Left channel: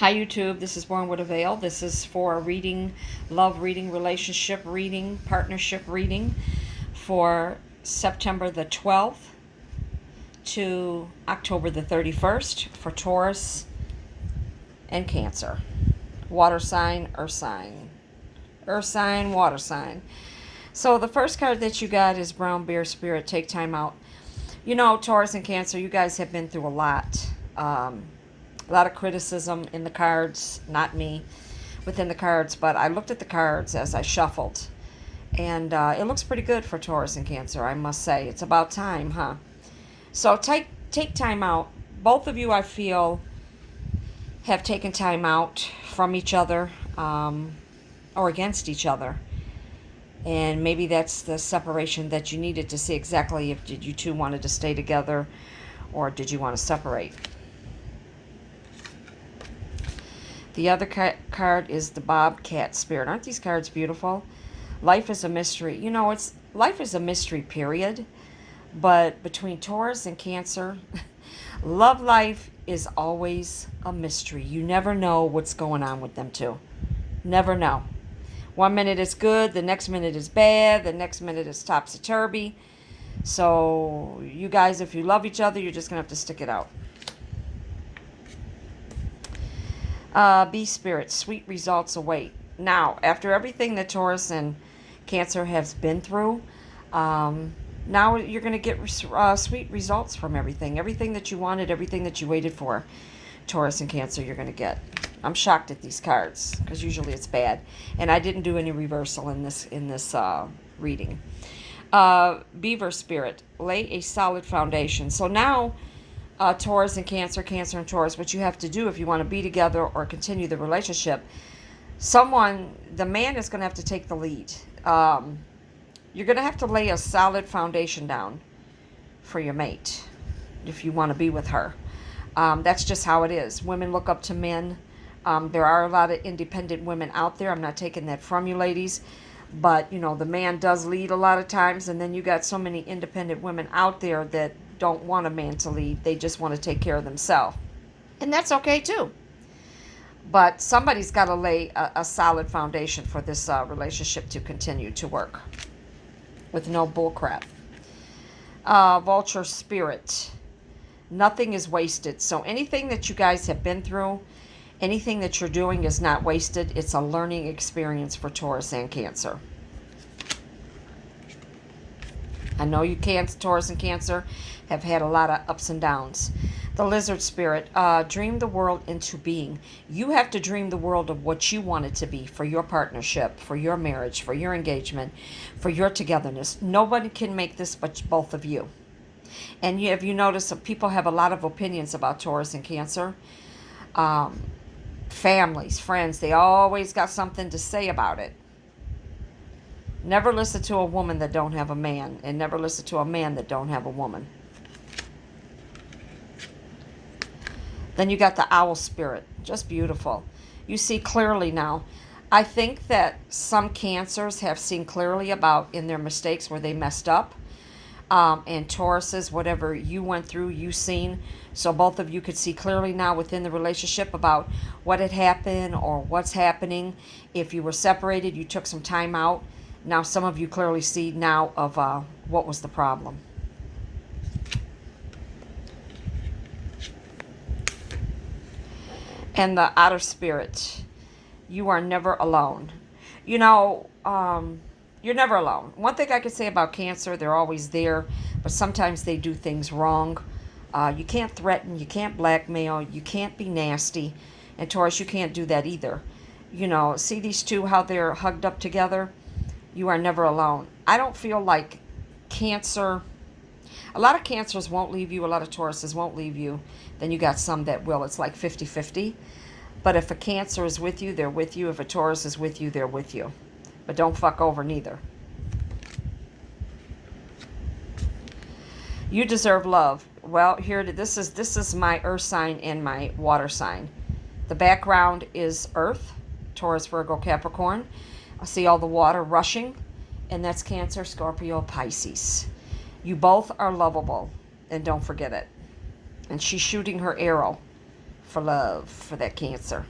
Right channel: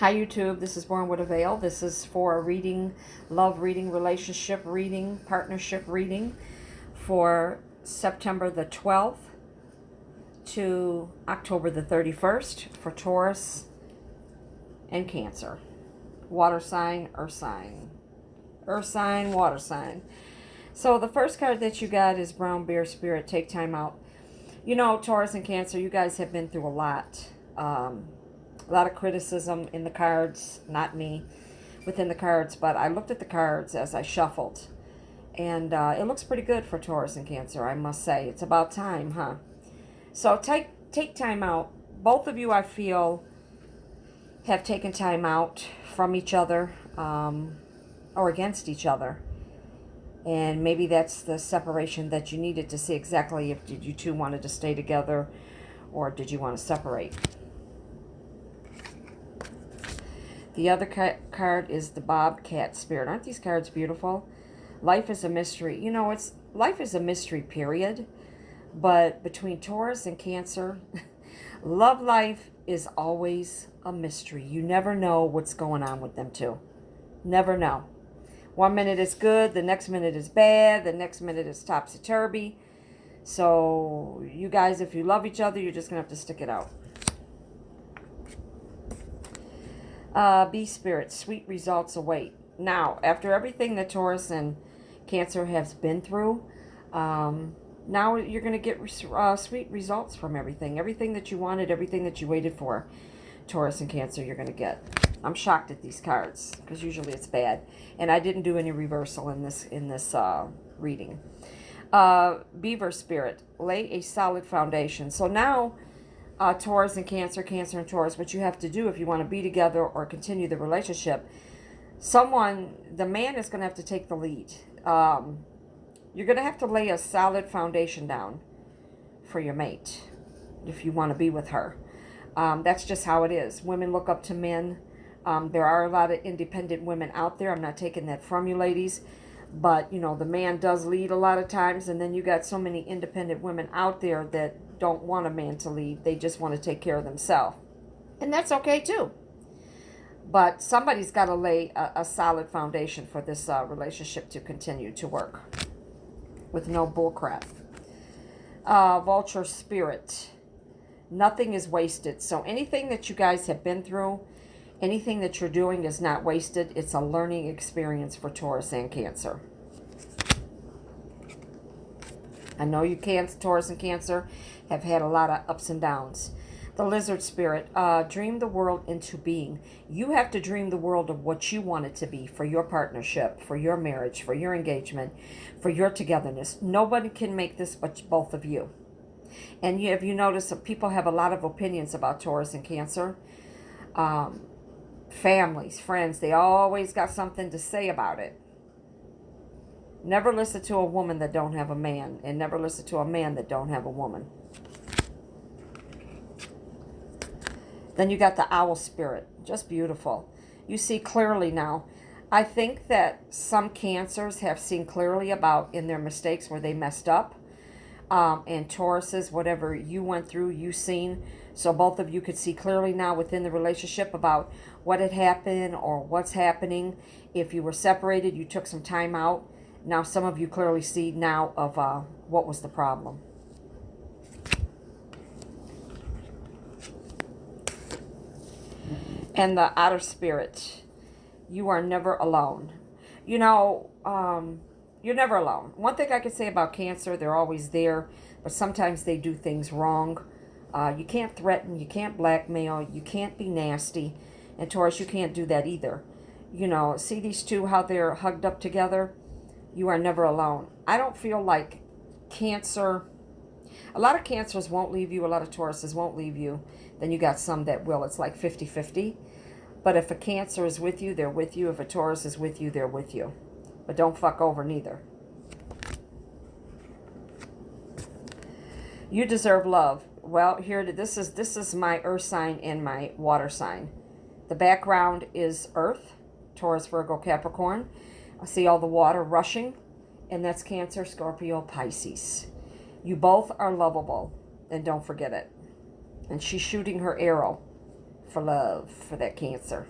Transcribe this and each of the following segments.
Hi YouTube, this is Born with a Veil. This is for reading, love reading, relationship reading, partnership reading for September the 12th to October the 31st for Taurus and Cancer. Water sign, earth sign. Earth sign, water sign. So the first card that you got is Brown Bear Spirit, Take Time Out. You know, Taurus and Cancer, you guys have been through a lot. A lot of criticism in the cards, not me, within the cards, but I looked at the cards as I shuffled, and it looks pretty good for Taurus and Cancer, I must say. It's about time, huh? So take time out. Both of you, I feel, have taken time out from each other or against each other. And maybe that's the separation that you needed to see exactly if did you two wanted to stay together or did you want to separate. The other card is the Bobcat Spirit. Aren't these cards beautiful? Life is a mystery. You know, life is a mystery, period. But between Taurus and Cancer, love life is always a mystery. You never know what's going on with them two. Never know. One minute is good, the next minute is bad, the next minute is topsy-turvy. So you guys, if you love each other, you're just going to have to stick it out. Bee Spirit, sweet results await. Now, after everything that Taurus and Cancer has been through, now you're going to get sweet results from everything. Everything that you wanted, everything that you waited for, Taurus and Cancer, you're going to get. I'm shocked at these cards because usually it's bad. And I didn't do any reversal in this reading. Beaver Spirit, lay a solid foundation. So now, Taurus and Cancer, Cancer and Taurus, what you have to do if you want to be together or continue the relationship, the man is going to have to take the lead. You're going to have to lay a solid foundation down for your mate if you want to be with her. That's just how it is. Women look up to men. There are a lot of independent women out there. I'm not taking that from you ladies. But, you know, the man does lead a lot of times, and then you got so many independent women out there that don't want a man to lead. They just want to take care of themselves. And that's okay, too. But somebody's got to lay a solid foundation for this relationship to continue to work with no bullcrap. Vulture Spirit. Nothing is wasted. So anything that you guys have been through, anything that you're doing is not wasted. It's a learning experience for Taurus and Cancer. I know you can't, Taurus and Cancer have had a lot of ups and downs. The Lizard Spirit, dream the world into being. You have to dream the world of what you want it to be for your partnership, for your marriage, for your engagement, for your togetherness. Nobody can make this but both of you. And have you noticed that people have a lot of opinions about Taurus and Cancer? Families, friends, they always got something to say about it. Never listen to a woman that don't have a man, and never listen to a man that don't have a woman. Then you got the Owl Spirit, just beautiful. You see clearly now. I think that some Cancers have seen clearly about in their mistakes where they messed up. And Tauruses, whatever you went through, you seen. So both of you could see clearly now within the relationship about what had happened or what's happening. If you were separated, you took some time out. Now some of you clearly see now of what was the problem. And the Otter Spirit, you are never alone. You know, you're never alone. One thing I could say about Cancer, they're always there, but sometimes they do things wrong. You can't threaten, you can't blackmail, you can't be nasty. And Taurus, you can't do that either. You know, see these two, how they're hugged up together? You are never alone. I don't feel like Cancer, a lot of Cancers won't leave you, a lot of Tauruses won't leave you. Then you got some that will. It's like 50-50. But if a Cancer is with you, they're with you. If a Taurus is with you, they're with you. But don't fuck over neither. You deserve love. Well, this is my earth sign and my water sign. The background is Earth, Taurus, Virgo, Capricorn. I see all the water rushing, and that's Cancer, Scorpio, Pisces. You both are lovable, and don't forget it. And she's shooting her arrow for love for that Cancer.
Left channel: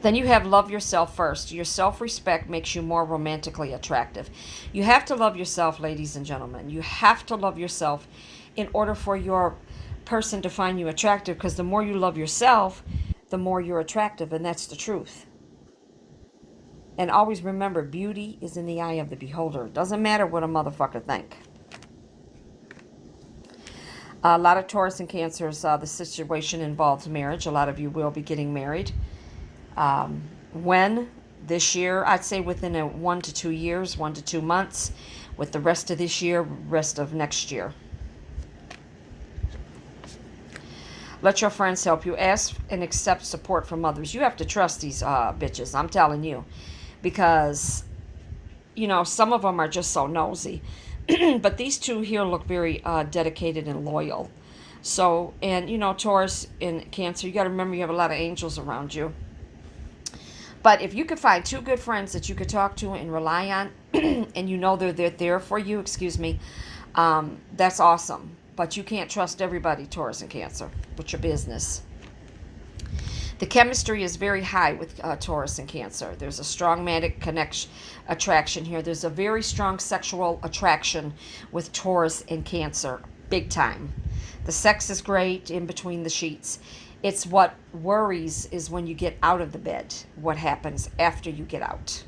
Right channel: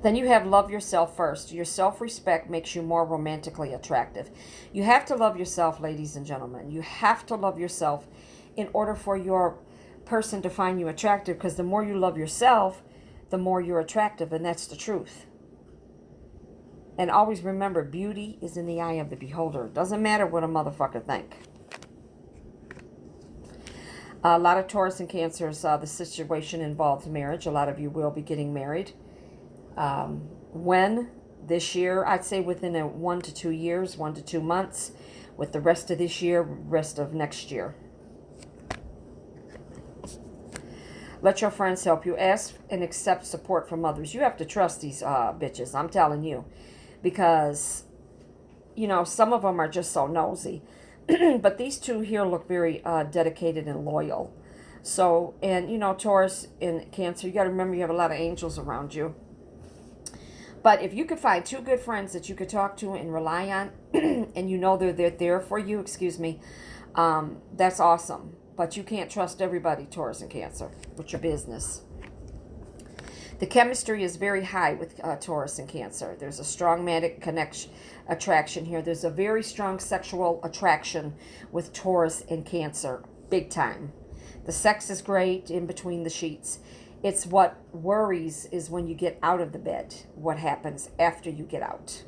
Then you have love yourself first. Your self-respect makes you more romantically attractive. You have to love yourself, ladies and gentlemen. You have to love yourself in order for your person to find you attractive, because the more you love yourself, the more you're attractive, and that's the truth. And always remember, beauty is in the eye of the beholder. It doesn't matter what a motherfucker think. A lot of Taurus and Cancers, the situation involves marriage. A lot of you will be getting married. When? This year, I'd say within 1 to 2 years, 1 to 2 months, with the rest of this year, rest of next year. Let your friends help you. Ask and accept support from others. You have to trust these bitches, I'm telling you. Because, you know, some of them are just so nosy. But these two here look very dedicated and loyal. So, and, you know, Taurus and Cancer, you got to remember you have a lot of angels around you. But if you could find 2 good friends that you could talk to and rely on, and you know they're there for you, that's awesome. But you can't trust everybody, Taurus and Cancer, with your business. The chemistry is very high with Taurus and Cancer. There's a strong magnetic attraction here. There's a very strong sexual attraction with Taurus and Cancer, big time. The sex is great in between the sheets. It's what worries is when you get out of the bed, what happens after you get out.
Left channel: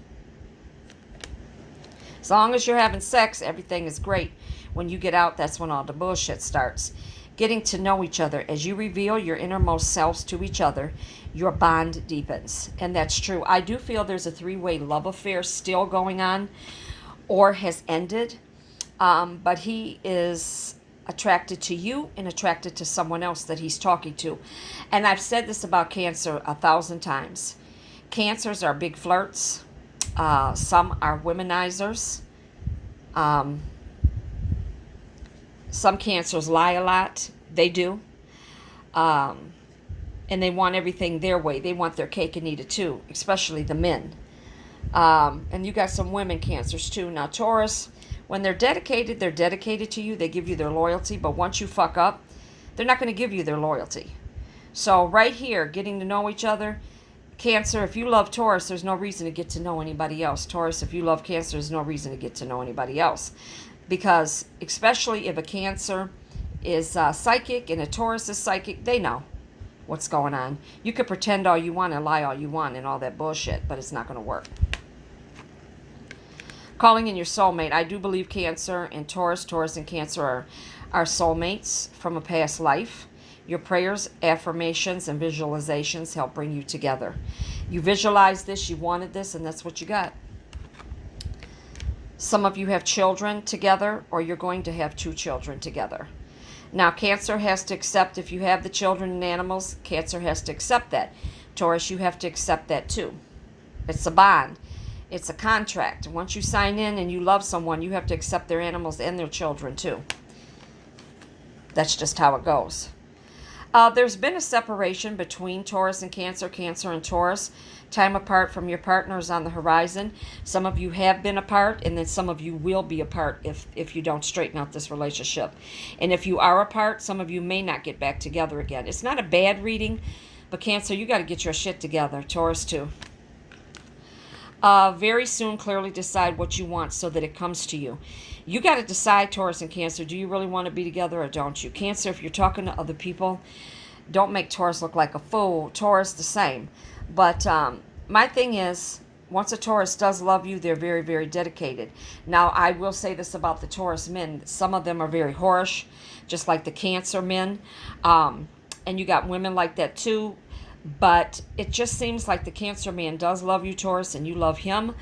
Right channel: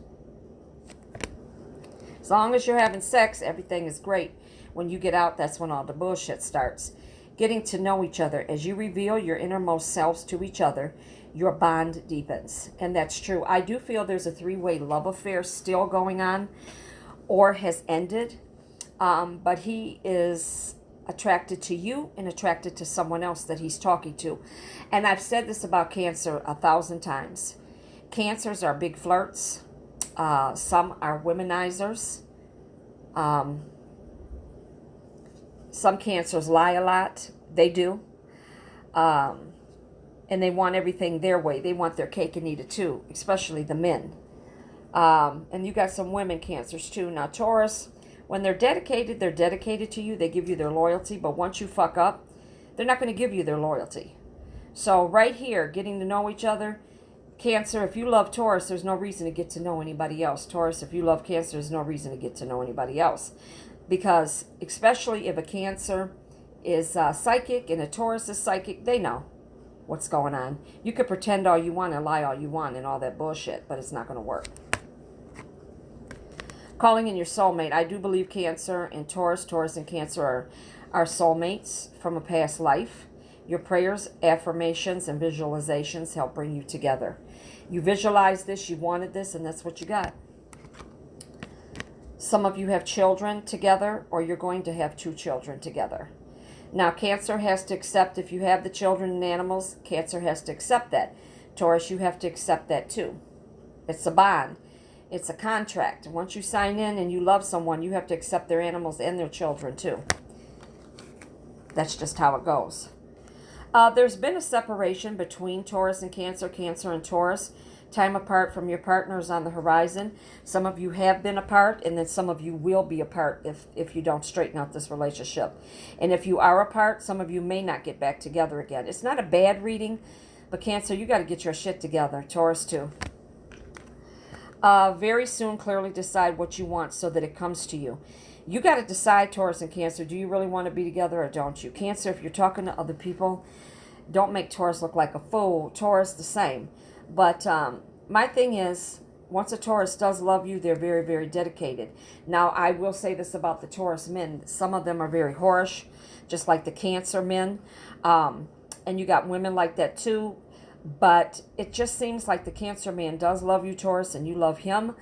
As long as you're having sex, everything is great. When you get out, that's when all the bullshit starts. Getting to know each other. As you reveal your innermost selves to each other, your bond deepens. And that's true. I do feel there's a 3-way love affair still going on, or has ended. But he is attracted to you and attracted to someone else that he's talking to. And I've said this about Cancer 1,000 times. Cancers are big flirts. Some are womanizers. Some Cancers lie a lot. They do. And they want everything their way. They want their cake and eat it too, especially the men. And you got some women Cancers too. Now, Taurus, when they're dedicated to you. They give you their loyalty. But once you fuck up, they're not going to give you their loyalty. So right here, getting to know each other. Cancer, if you love Taurus, there's no reason to get to know anybody else. Taurus, if you love Cancer, there's no reason to get to know anybody else. Because especially if a Cancer is psychic and a Taurus is psychic, they know what's going on. You could pretend all you want and lie all you want and all that bullshit, but it's not going to work. Calling in your soulmate. I do believe Cancer and Taurus and Cancer are soulmates from a past life. Your prayers, affirmations, and visualizations help bring you together. You visualized this, you wanted this, and that's what you got. Some of you have children together, or you're going to have 2 children together. Now, Cancer has to accept, if you have the children and animals, Cancer has to accept that. Taurus, you have to accept that too. It's a bond. It's a contract. Once you sign in and you love someone, you have to accept their animals and their children too. That's just how it goes. There's been a separation between Taurus and Cancer, Cancer and Taurus. Time apart from your partners on the horizon. Some of you have been apart, and then some of you will be apart if you don't straighten out this relationship. And if you are apart, some of you may not get back together again. It's not a bad reading, but Cancer, you got to get your shit together. Taurus too. Very soon, clearly decide what you want so that it comes to you. You got to decide, Taurus and Cancer, do you really want to be together or don't you? Cancer, if you're talking to other people, don't make Taurus look like a fool. Taurus, the same. But my thing is, once a Taurus does love you, they're very, very dedicated. Now, I will say this about the Taurus men. Some of them are very whorish, just like the Cancer men. And you got women like that too. But it just seems like the Cancer man does love you, Taurus, and you love him.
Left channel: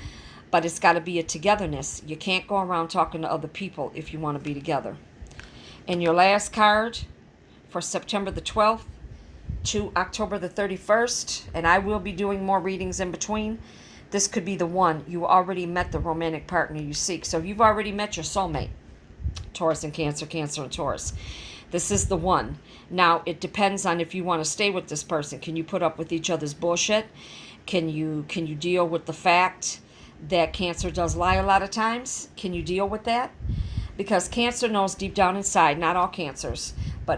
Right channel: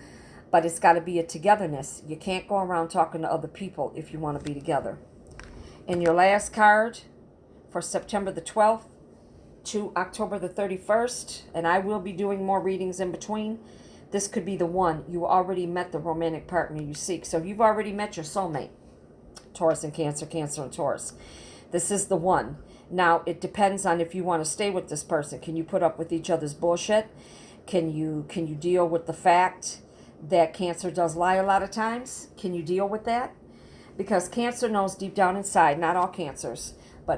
But it's got to be a togetherness. You can't go around talking to other people if you want to be together. And your last card for September the 12th to October the 31st, and I will be doing more readings in between. This could be the one. You already met the romantic partner you seek. So you've already met your soulmate, Taurus and Cancer, Cancer and Taurus. This is the one. Now, it depends on if you want to stay with this person. Can you put up with each other's bullshit? Can you deal with the fact that Cancer does lie a lot of times? Can you deal with that? Because Cancer knows deep down inside, not all Cancers,